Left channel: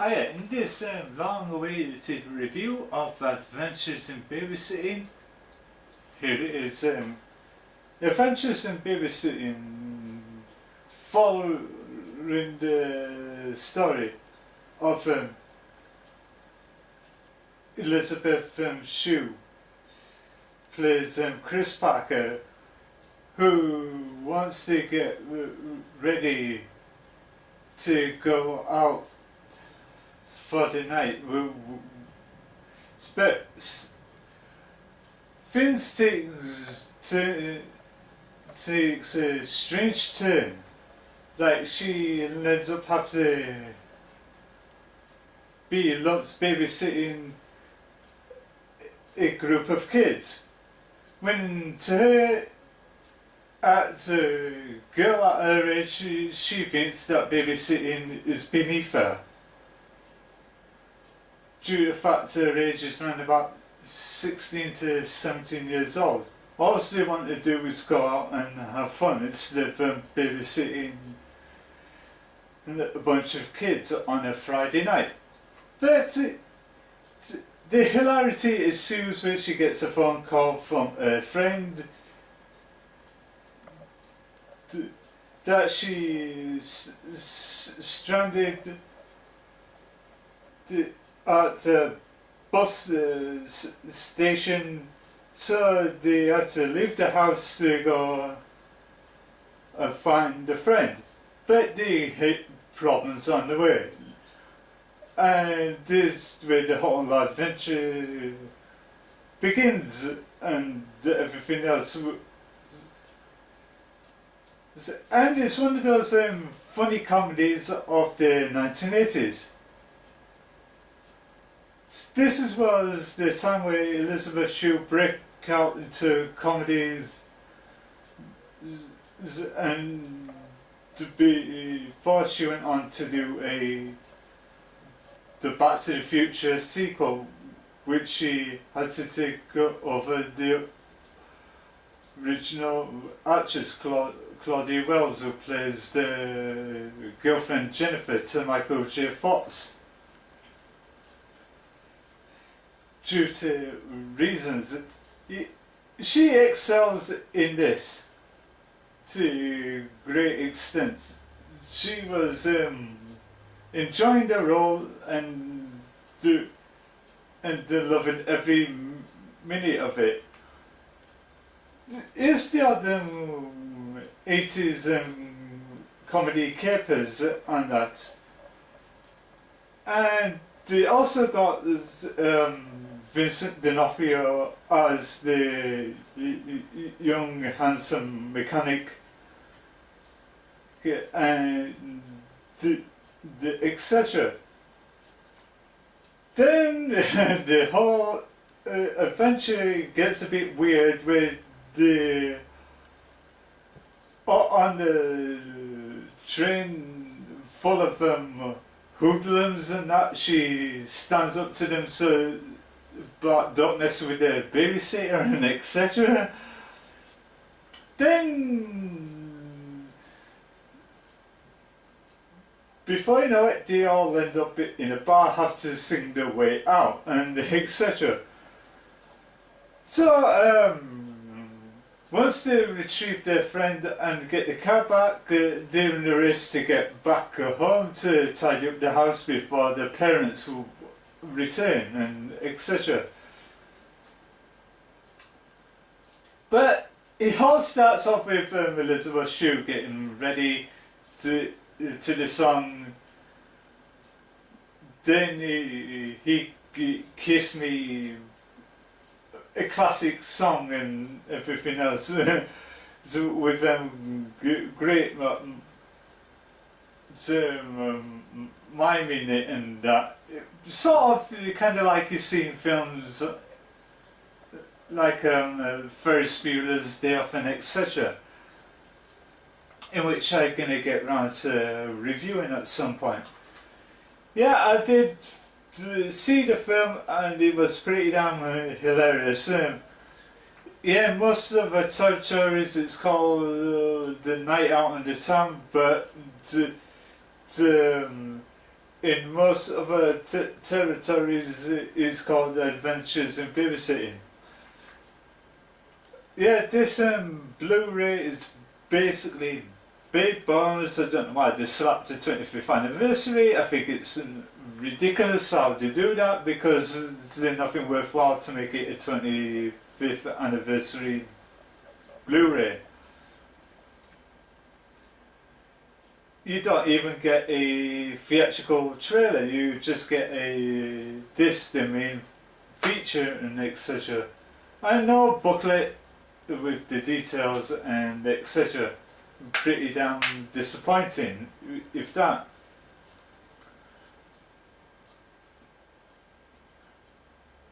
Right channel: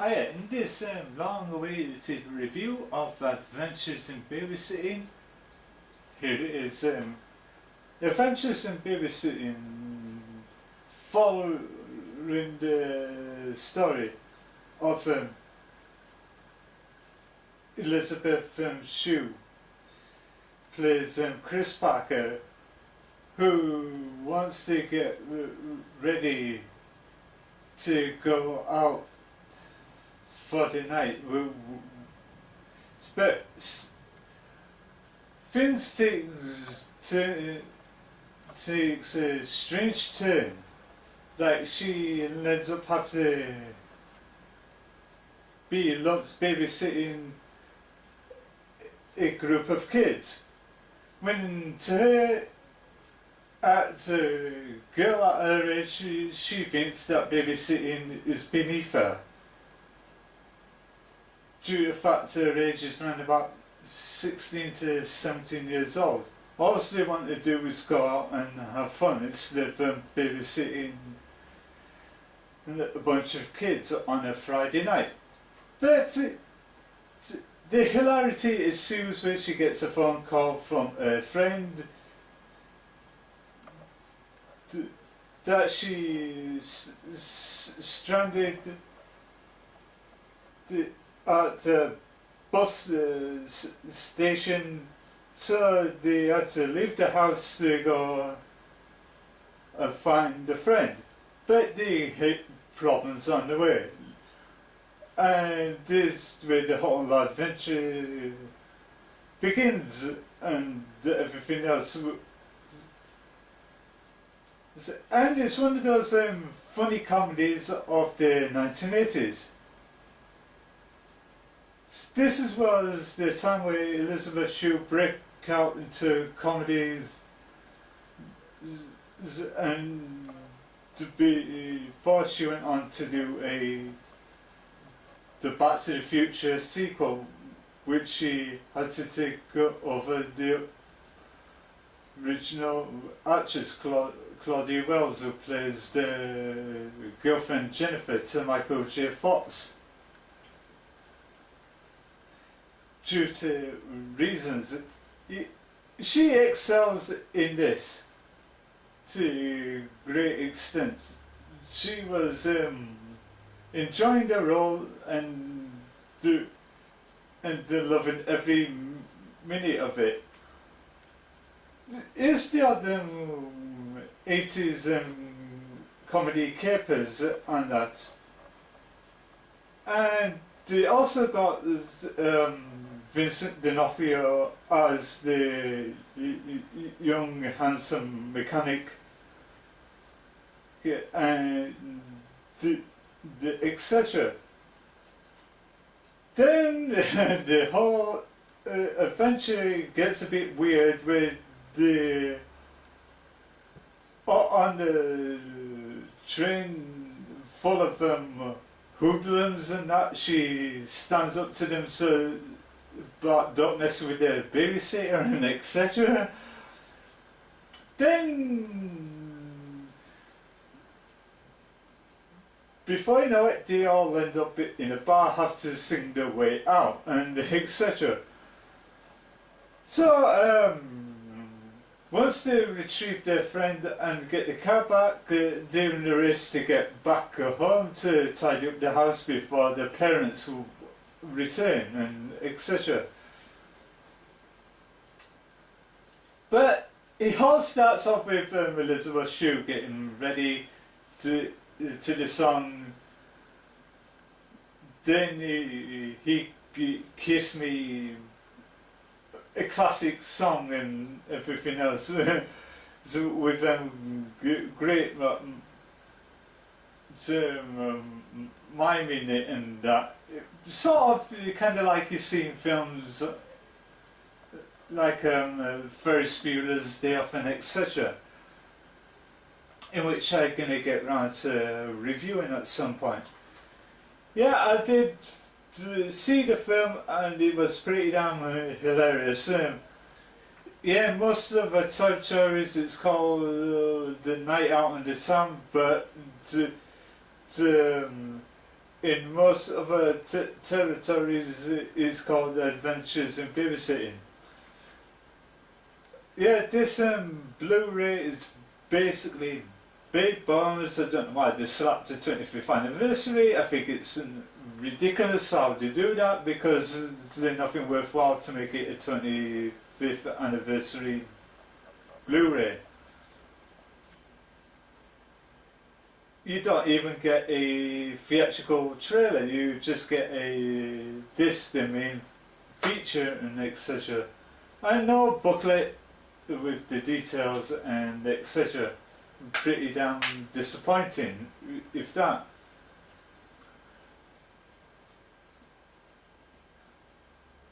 Hiya, in this long-awaited review of Adventures in Babysitting, here it is. Adventures in Babysitting, following the story of Elizabeth Shue, plays Chris Parker, who wants to get ready to go out for the night. But things takes a strange turn. Like she ends up having to be loves babysitting a group of kids. When to her, at a girl at her age, she thinks that babysitting is beneath her, due to the fact her age is around about 16 to 17 years old. All they want to do is go out and have fun instead of babysitting a bunch of kids on a Friday night. But the hilarity ensues when she gets a phone call from a friend that she's stranded at the bus station, so they had to leave the house to go and find a friend. But they hit problems on the way, and this is where the whole adventure begins and everything else. And it's one of those funny comedies of the 1980s. This was the time where Elizabeth Shue broke out into comedies, and before she went on to do the Back to the Future sequel, which she had to take over the original actress Claudia Wells, who plays the girlfriend Jennifer to Michael J. Fox. Due to reasons, she excels in this to great extent. She was enjoying the role and loving every minute of it. Is the other 80s comedy capers on that, and they also got Vincent D'Onofrio as the young handsome mechanic, and the etc. Then the whole adventure gets a bit weird with on the train full of hoodlums and that. She stands up to them, so but don't mess with the babysitter and etc. Then before you know it, they all end up in a bar, have to sing their way out and etc. So once they retrieve their friend and get the car back, they're in the race to get back home to tidy up the house before their parents will return and etc. But it all starts off with Elizabeth Shue getting ready to the song. Then he Kiss Me, a classic song and everything else. So with great miming it and that. Sort of kind of like you see in films like Ferris Bueller's Day Off and etc., in which I'm going to get round to reviewing at some point. Yeah, I did see the film and it was pretty damn hilarious. Yeah, most of the time tourists it's called the night out in the town, but in most other territories is called Adventures in Babysitting. Yeah, this Blu-ray is basically big bonus. I don't know why they slapped the 25th anniversary. I think it's ridiculous how they do that, because there's nothing worthwhile to make it a 25th anniversary Blu-ray. You don't even get a theatrical trailer, you just get a disc, the main feature and etc. And no booklet with the details and etc. Pretty damn disappointing, if that.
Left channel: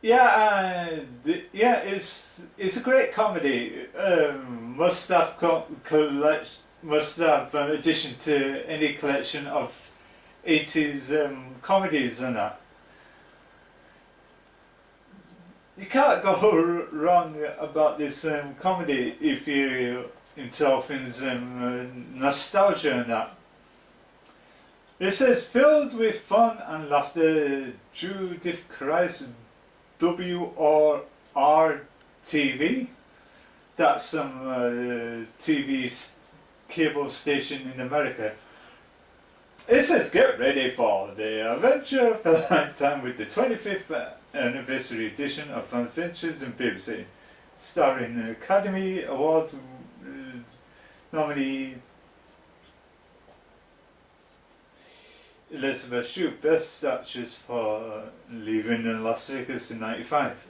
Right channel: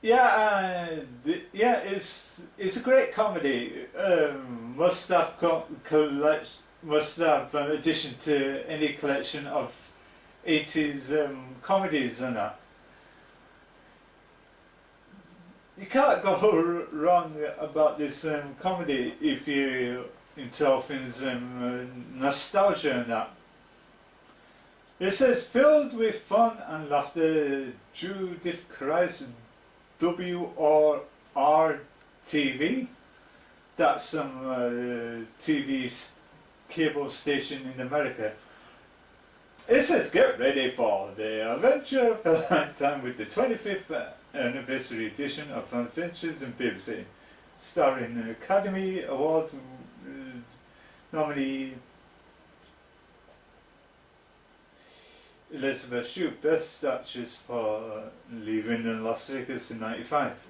Yeah, yeah, it's a great comedy. Must have must have addition to any collection of 80s comedies and that. You can't go wrong about this comedy if you into all things nostalgia and that. It says, filled with fun and laughter, Judith Christ WRR-TV. That's some TV cable station in America. It says, get ready for the adventure of a lifetime with the 25th anniversary edition of Adventures in Babysitting, starring Academy Award nominee Elizabeth Shue, Best Actress for Leaving in Las Vegas in '95.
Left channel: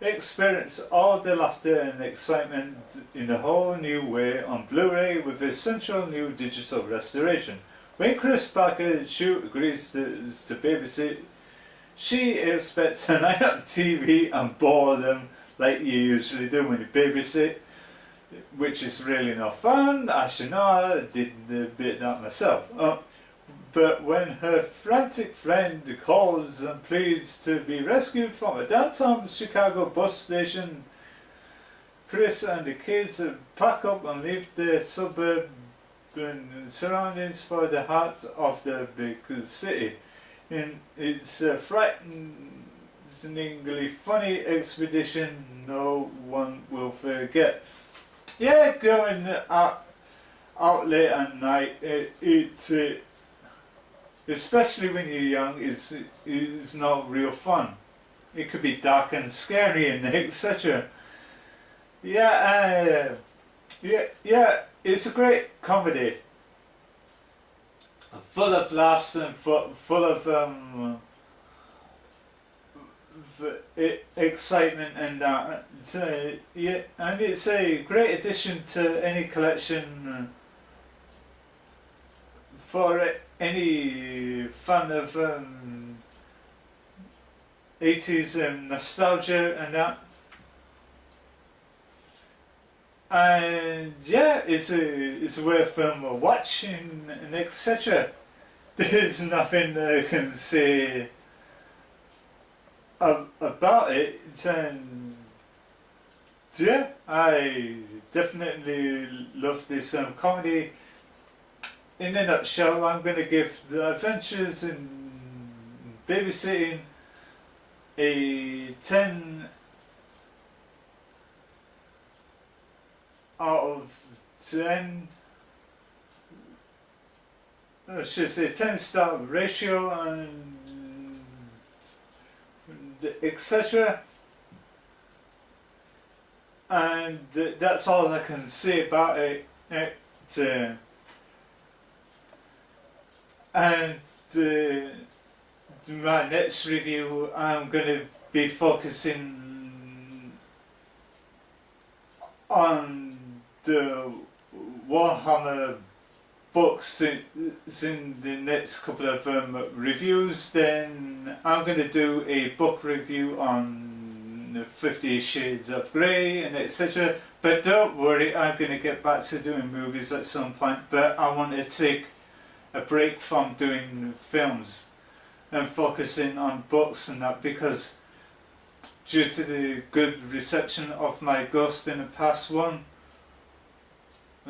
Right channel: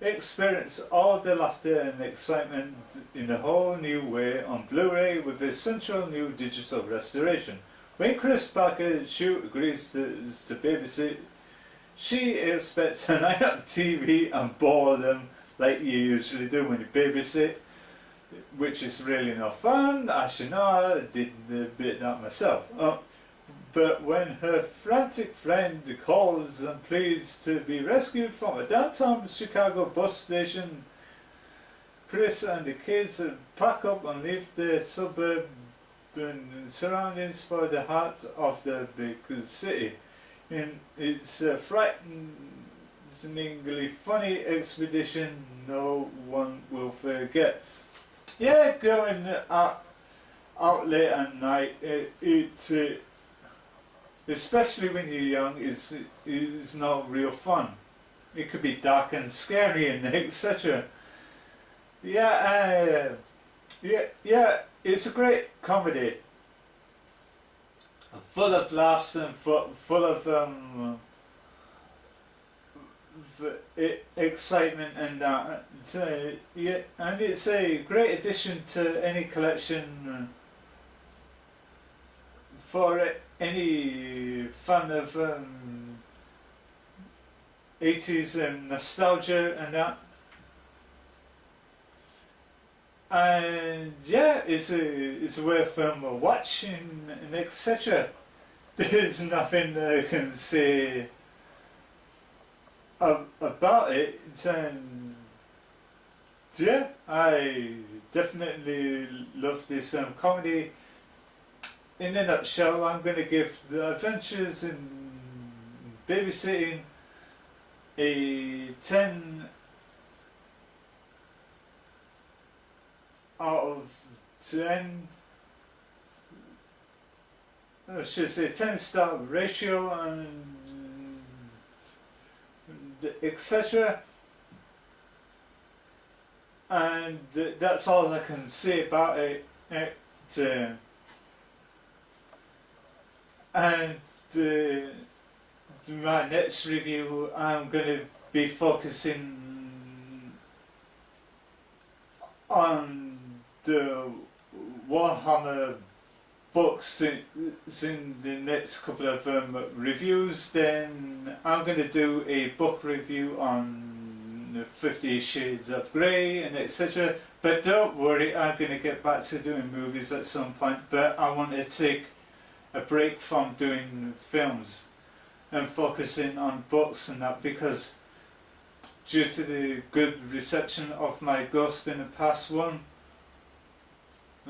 Experience all the laughter and excitement in a whole new way on Blu-ray with essential new digital restoration. When Chris Parker Shue agrees to babysit, she expects a night on TV and boredom like you usually do when you babysit, which is really no fun. As you know, I did a bit that myself. But when her frantic friend calls and pleads to be rescued from a downtown Chicago bus station, Chris and the kids pack up and leave their suburban surroundings for the heart of the big city. It's a frighteningly funny expedition no one will forget. Yeah, going out late at night, especially when you're young, is not real fun. It could be dark and scary and etc. Yeah, yeah, it's a great comedy, full of laughs and full of excitement and that. Yeah, and it's a great addition to any collection for any fan of 80s nostalgia and that. And yeah, it's worth watching and etc. There's nothing I can say about it. Yeah, I definitely love this comedy. In a nutshell, I'm going to give The Adventures in Babysitting a 10 out of 10. I should say 10-star ratio and etc. And that's all I can say about it. And my next review, I'm going to be focusing on the Warhammer books in the next couple of reviews. Then I'm going to do a book review on 50 Shades of Grey and etc. But don't worry, I'm going to get back to doing movies at some point, but I want to take a break from doing films and focusing on books and that, because due to the good reception of my Ghost in the Past one,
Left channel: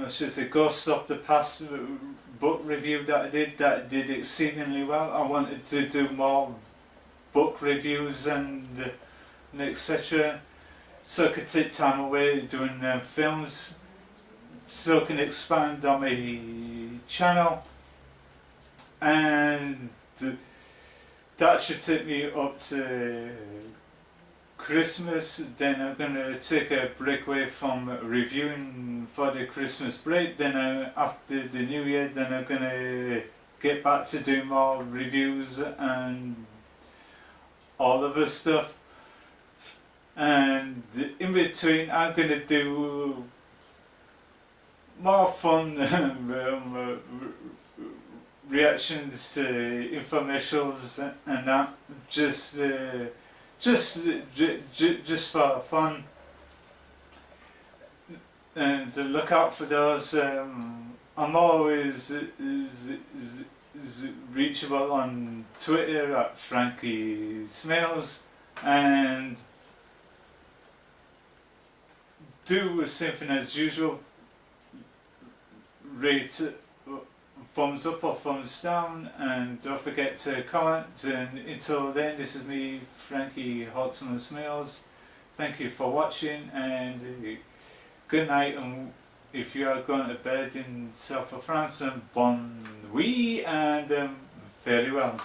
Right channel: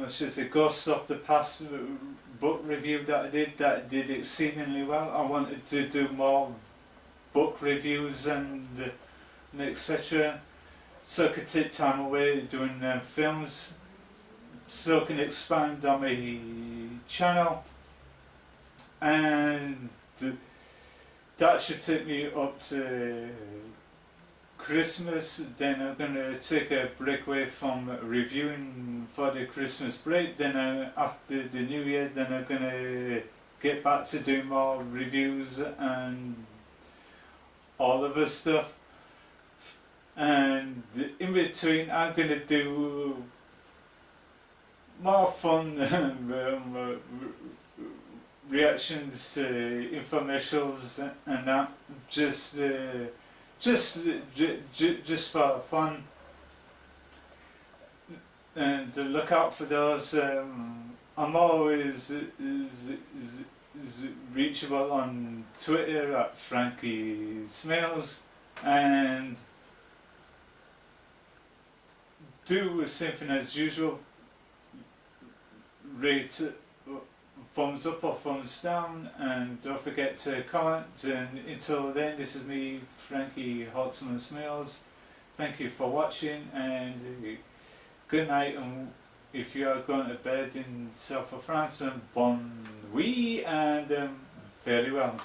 It's just a ghost of the past book review that I did exceedingly well. I wanted to do more book reviews and etc. So I could take time away doing films, so I can expand on my channel, and that should take me up to Christmas. Then I'm going to take a break away from reviewing for the Christmas break. Then after the New Year, then I'm going to get back to doing more reviews and all of this stuff. And in between, I'm going to do more fun reactions to infomercials and that, just for fun. And look out for those. I'm always reachable on Twitter at frankie smales, and do the same thing as usual. Rate thumbs up or thumbs down, and don't forget to comment. And until then, this is me, Frankie Holtzmann Smales. Thank you for watching, and good night. And if you are going to bed in south of France, and bon nuit, and fairly well.